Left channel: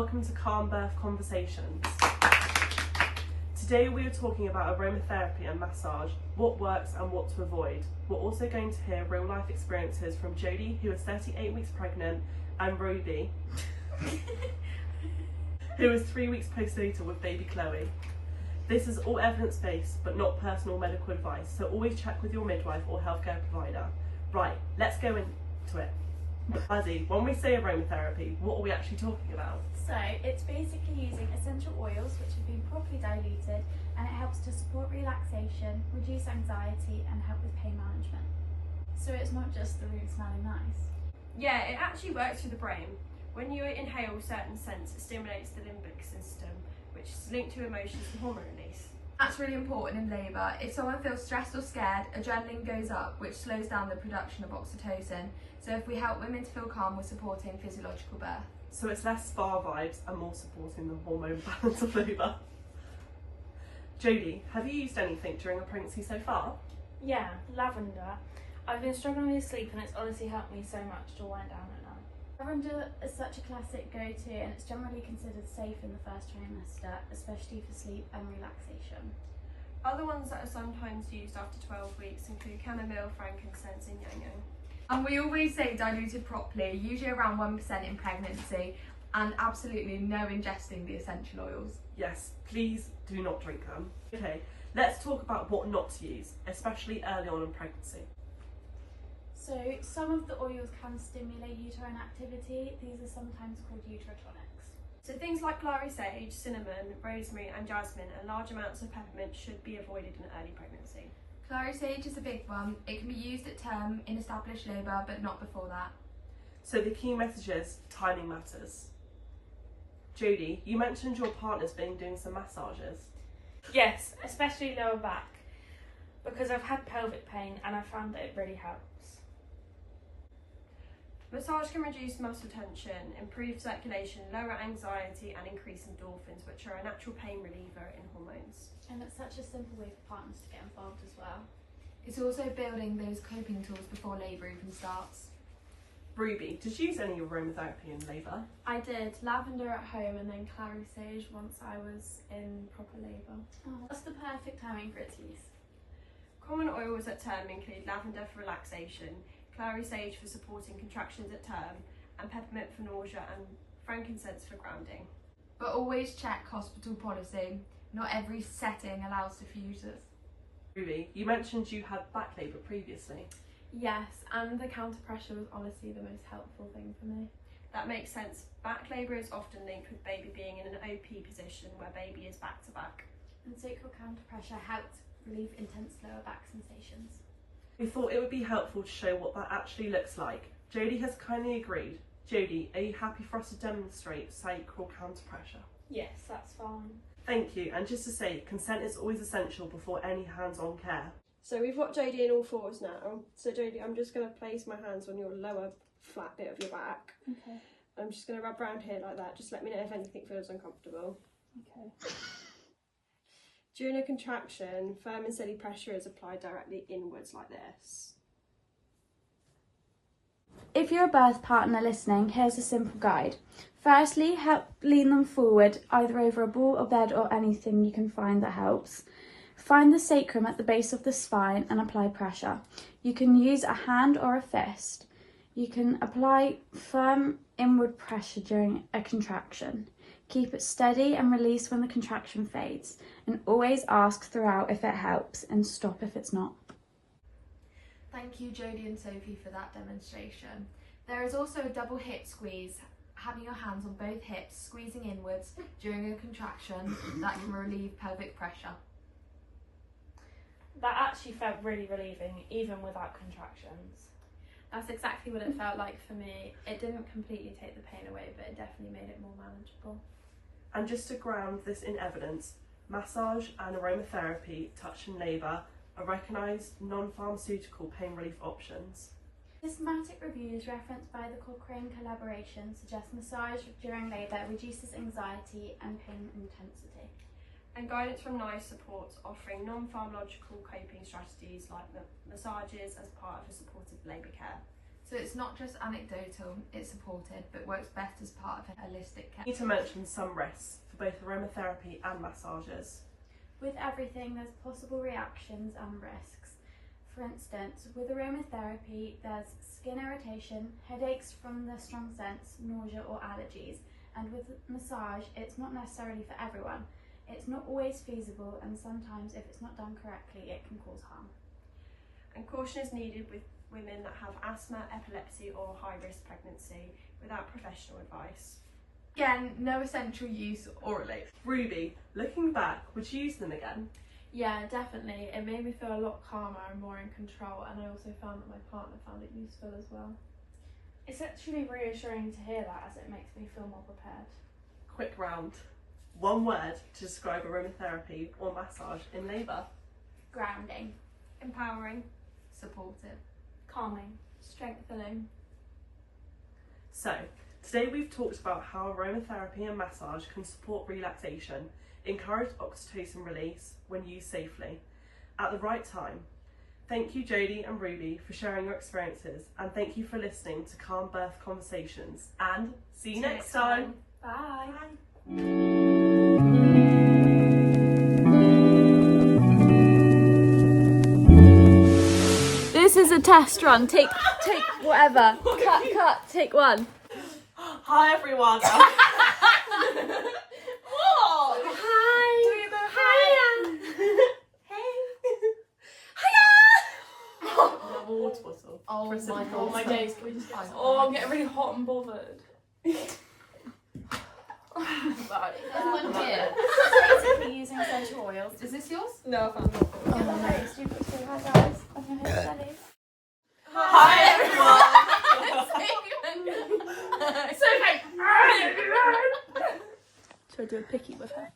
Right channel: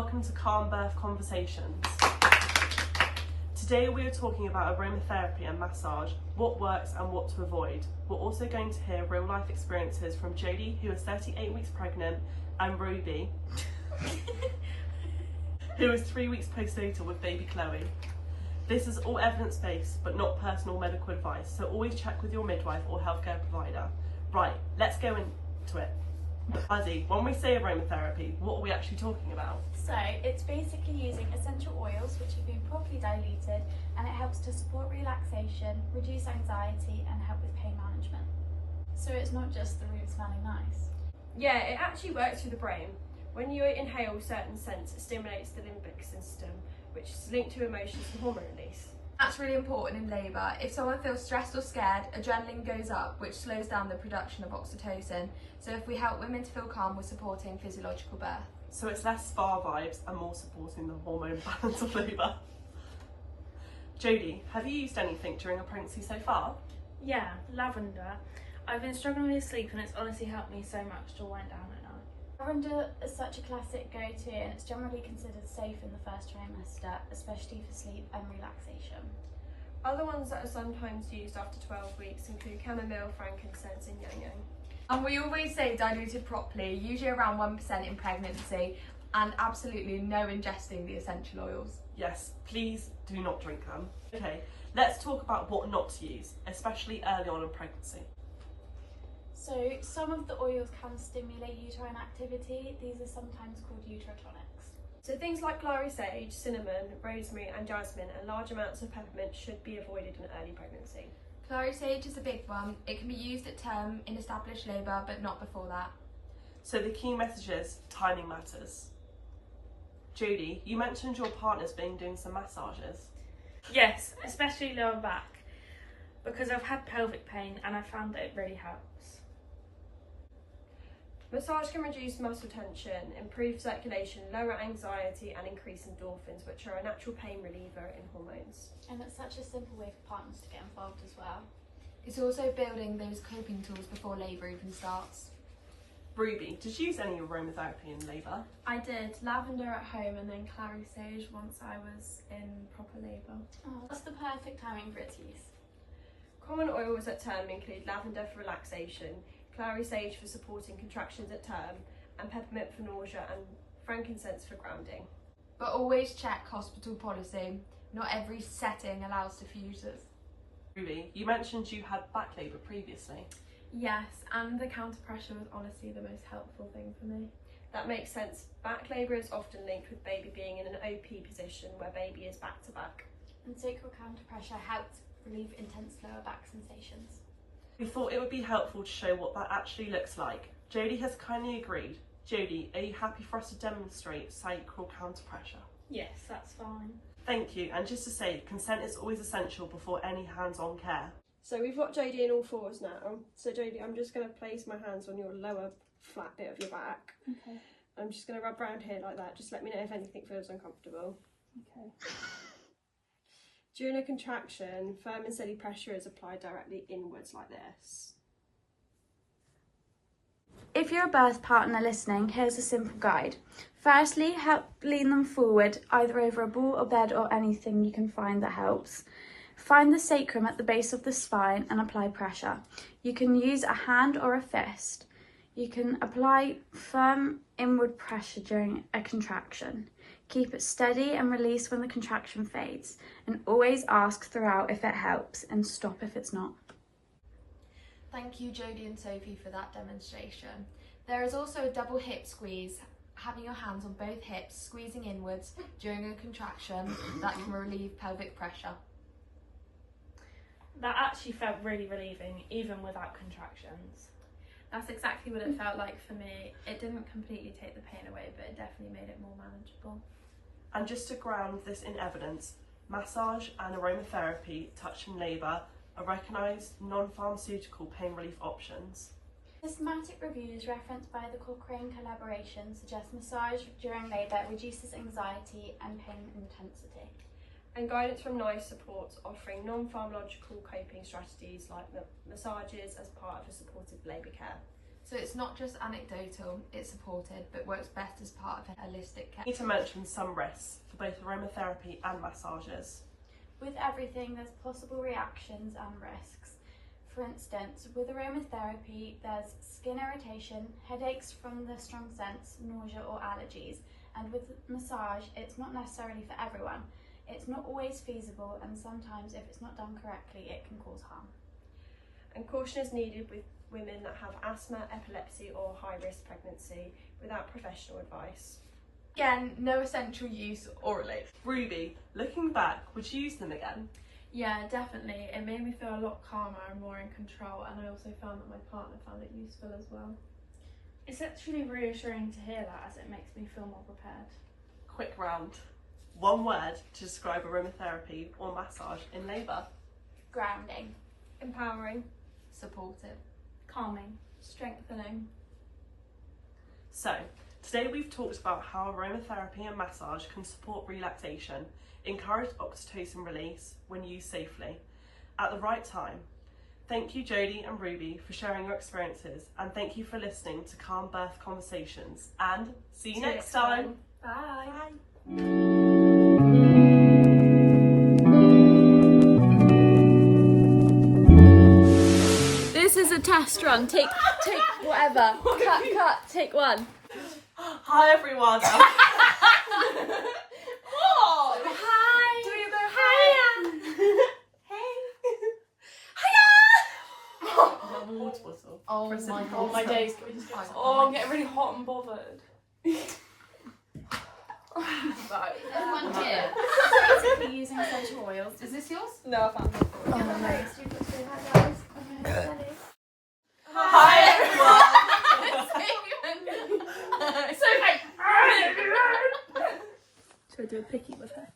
welcome to Calm Birth Conversations. Today we are talking about aromatherapy and massage, what works and what to avoid. We're also going to hear real life experiences from Jodie, who is 38 weeks pregnant, and Ruby, who is 3 weeks postnatal with baby Chloe. This is all evidence-based but not personal medical advice, so always check with your midwife or healthcare provider. Right, let's go into it. Maddie, when we say aromatherapy, what are we actually talking about? So it's basically using essential oils which have been properly diluted, and it helps to support relaxation, reduce anxiety and help with pain management. So it's not just the room smelling nice. Yeah, it actually works through the brain. When you inhale certain scents, it stimulates the limbic system, which is linked to emotions and hormone release. That's really important in labour. If someone feels stressed or scared, adrenaline goes up, which slows down the production of oxytocin. So if we help women to feel calm, we're supporting physiological birth. So it's less spa vibes and more supporting the hormone balance of labour. Jodie, have you used anything during a pregnancy so far? Yeah, lavender. I've been struggling with sleep and it's honestly helped me so much to wind down at night. Lavender is such a classic go-to, and it's generally considered safe in the first trimester, especially for sleep and relaxation. Other ones that are sometimes used after 12 weeks include chamomile, frankincense and yang-yang. And we always say diluted properly, usually around 1% in pregnancy, and absolutely no ingesting the essential oils. Yes, please do not drink them. Okay, let's talk about what not to use, especially early on in pregnancy. So some of the oils can stimulate uterine activity. These are sometimes called uterotonics. So things like clary sage, cinnamon, rosemary and jasmine and large amounts of peppermint should be avoided in early pregnancy. Clary sage is a big one. It can be used at term in established labour, but not before that. So the key message is timing matters. Jodie, you mentioned your partner's been doing some massages. Yes, especially lower back, because I've had pelvic pain and I found that it really helps. Massage can reduce muscle tension, improve circulation, lower anxiety and increase endorphins, which are a natural pain reliever in hormones. And it's such a simple way for partners to get involved as well. It's also building those coping tools before labour even starts. Ruby, did you use any aromatherapy in labour? I did lavender at home and then clary sage once I was in proper labour. Oh, what's the perfect timing for its use? Common oils at term include lavender for relaxation, clary sage for supporting contractions at term, and peppermint for nausea and frankincense for grounding. But always check hospital policy. Not every setting allows diffusers. Ruby, you mentioned you had back labour previously. Yes, and the counter pressure was honestly the most helpful thing for me. That makes sense. Back labour is often linked with baby being in an OP position where baby is back to back. And sacral counter pressure helped relieve intense lower back sensations. We thought it would be helpful to show what that actually looks like. Jodie has kindly agreed. Jodie, are you happy for us to demonstrate sacral counter pressure? Yes, that's fine. Thank you, and just to say, consent is always essential before any hands-on care. So we've got Jodie in all fours now. So Jodie, I'm just going to place my hands on your lower flat bit of your back. Okay. I'm just going to rub around here like that. Just let me know if anything feels uncomfortable. Okay. During a contraction, firm and steady pressure is applied directly inwards like this. If you're a birth partner listening, here's a simple guide. Firstly, help lean them forward, either over a ball or bed or anything you can find that helps. Find the sacrum at the base of the spine and apply pressure. You can use a hand or a fist. You can apply firm inward pressure during a contraction. Keep it steady and release when the contraction fades. And always ask throughout if it helps and stop if it's not. Thank you, Jodie and Sophie, for that demonstration. There is also a double hip squeeze, having your hands on both hips, squeezing inwards during a contraction that can relieve pelvic pressure. That actually felt really relieving, even without contractions. That's exactly what it felt like for me. It didn't completely take the pain away, but it definitely made it more manageable. And just to ground this in evidence, massage and aromatherapy touched in labour are recognised non-pharmaceutical pain relief options. Systematic reviews referenced by the Cochrane collaboration suggest massage during labour reduces anxiety and pain intensity. And guidance from NICE supports offering non-pharmacological coping strategies like massages as part of a supportive labour care. So it's not just anecdotal, it's supported, but works best as part of a holistic care. I need to mention some risks for both aromatherapy and massages. With everything, there's possible reactions and risks. For instance, with aromatherapy, there's skin irritation, headaches from the strong scents, nausea or allergies. And with massage, it's not necessarily for everyone. It's not always feasible, and sometimes if it's not done correctly, it can cause harm. And caution is needed with women that have asthma, epilepsy or high-risk pregnancy without professional advice. Again, no essential use orally. Ruby, looking back, would you use them again? Yeah, definitely. It made me feel a lot calmer and more in control, and I also found that my partner found it useful as well. It's actually reassuring to hear that, as it makes me feel more prepared. Quick round. One word to describe aromatherapy or massage in labour. Grounding. Empowering. Supportive. Calming. Strengthening. So, today we've talked about how aromatherapy and massage can support relaxation, encourage oxytocin release when used safely, at the right time. Thank you Jodie and Ruby for sharing your experiences, and thank you for listening to Calm Birth Conversations, and see you next time. Bye. This is a test run. Take whatever. Cut, take one. Hi everyone. Hi. Water bottle. Oh my god. Oh my days. Oh, I'm getting really hot and bothered. Right. There's one here. We're using essential oils. Is this yours? No, I found it. Oh no, stupid. Say hi guys. Okay, Sally. Hi everyone. Should I do a picky with her?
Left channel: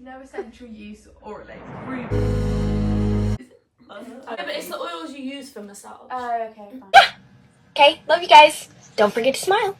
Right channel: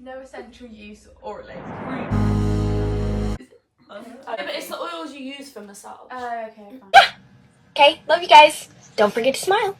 No essential use orally. But it's the oils you use for massage. Oh, okay, fine. Okay, love you guys. Don't forget to smile.